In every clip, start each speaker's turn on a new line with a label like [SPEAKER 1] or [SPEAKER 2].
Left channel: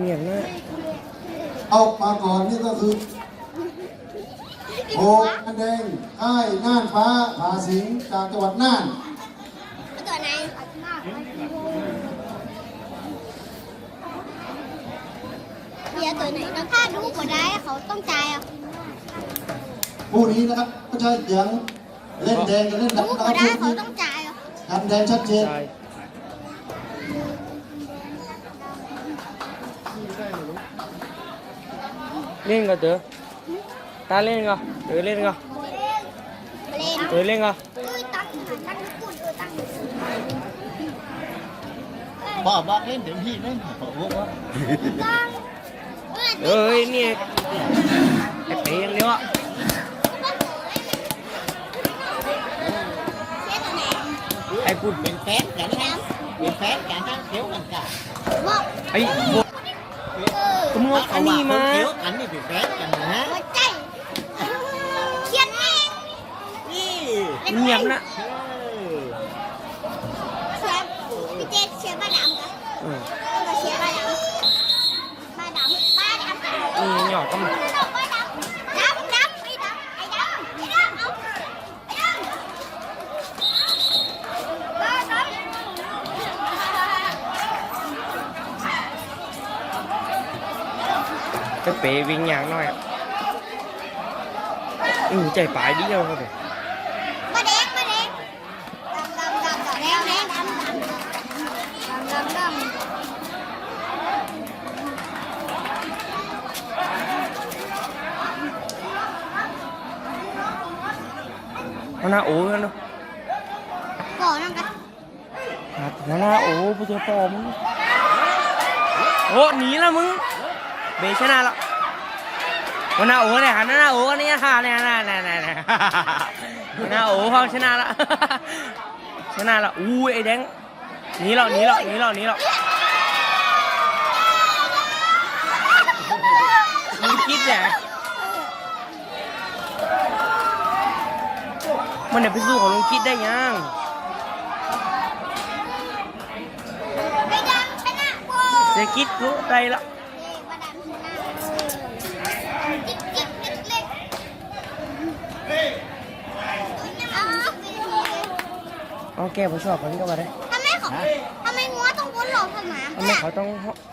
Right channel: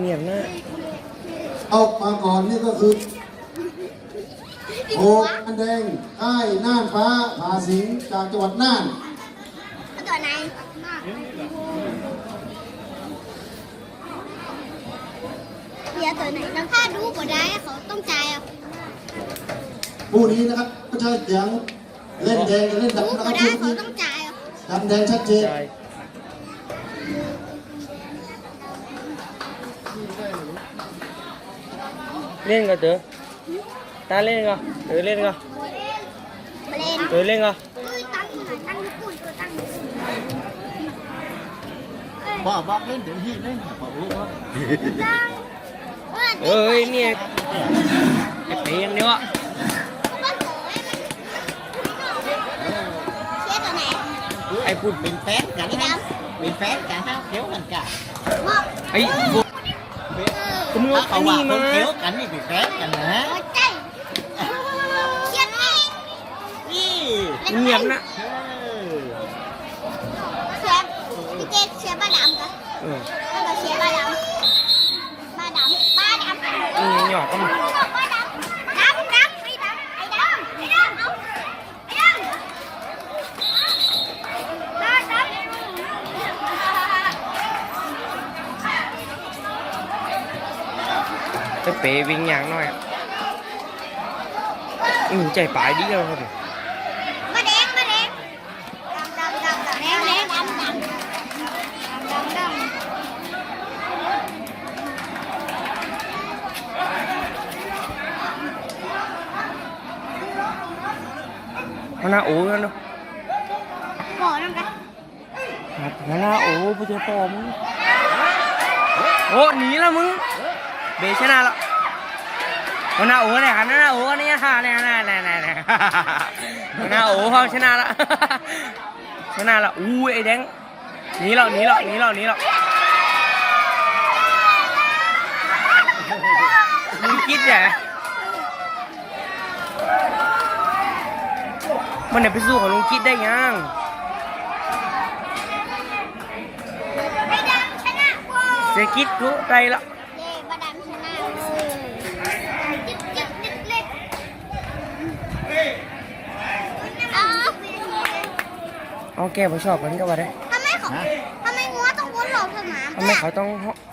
[SPEAKER 1] เงียบๆนะ
[SPEAKER 2] เอามาก่อนนี่ก็คือโหกอันแดงค่ายน่านฟ้าผาสิงจากจังหวัดน่าน
[SPEAKER 3] ตัวไหนเบียร์ตัวไหนแล้วถ้าดูก็ได้เขาต้องจ่ายอะ
[SPEAKER 2] ผู้นี้นะครับก็จะเสียงเล่นแดงจะเล่น
[SPEAKER 3] ดู
[SPEAKER 2] ดำนะค
[SPEAKER 3] ก็
[SPEAKER 2] รับ
[SPEAKER 3] ได้
[SPEAKER 2] ผู้
[SPEAKER 3] เขา
[SPEAKER 2] นี้
[SPEAKER 3] ต้องจ่ายอะ
[SPEAKER 2] ดำแดงชัดเจน
[SPEAKER 1] ใช่เล่นก็เต๋อตาเล่นก็เต๋อเล่นก็
[SPEAKER 3] เล่น
[SPEAKER 1] เต๋อเล่นก็
[SPEAKER 3] ตุ้ยตั้งหน่
[SPEAKER 4] กบอกเล่นเต็มที่เล่นบอกรู้ว่า
[SPEAKER 3] ตั้ง
[SPEAKER 1] เอ้ยเนี่ยไอ้เปียงเดียวอะ
[SPEAKER 3] เชี่ยตัวไหน
[SPEAKER 1] ไอ้พูด
[SPEAKER 4] เป็นแฟนกันนะเป็นแฟนกันนะเขียวกัำ
[SPEAKER 1] ไอ้เป๋วิ่งอย่างน้อยอะอือใจปลายดีเลยครับผม
[SPEAKER 3] มาแดงมาแดงดำดำดำดำแดงดำดำดำดำดำ
[SPEAKER 1] หัวหน้าโอ้กันเนาะ
[SPEAKER 3] ก่อนนั่นกัน
[SPEAKER 1] ครับหัวหน้าโอ้ผู้เจ้าพ่อมึงโอ้หนีละมึง เบชนะละหัวหน้าโอ้เนี่ยหันหน้าโอ้เนี่ยค่ะเนี่ยน่าน่าน่าน่าหัวหน้าโอ้เขาชนะละชนะละอู้ยไอ้แดงหนีแล้วหนีแล้วหนีแล้วหนีแล้วมึงคิดแหละมันเนี่ยไปสู้ของลุงคิดได้ยัง
[SPEAKER 3] ไอ้ดำชนะโอ้
[SPEAKER 1] เศรษฐกิจรู้ใจละ
[SPEAKER 3] เย้มาดำชนะจิ๊บจิ๊บจิ๊บจิ๊บเอาไปที
[SPEAKER 1] เอาแก้ไปชอบกันก็ว่าได้
[SPEAKER 3] ทำไมเขาทำไมงัวต้องพ้นหลงทำหมา
[SPEAKER 1] ทำไมเขาต้อง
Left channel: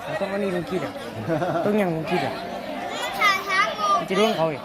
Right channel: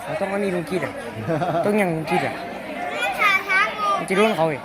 [SPEAKER 1] เขาต้องอันนี้ลุงคิดอะต้องยังลุงคิดอะ
[SPEAKER 3] มันชาช้างงู
[SPEAKER 1] มันจะโดนเขาอีก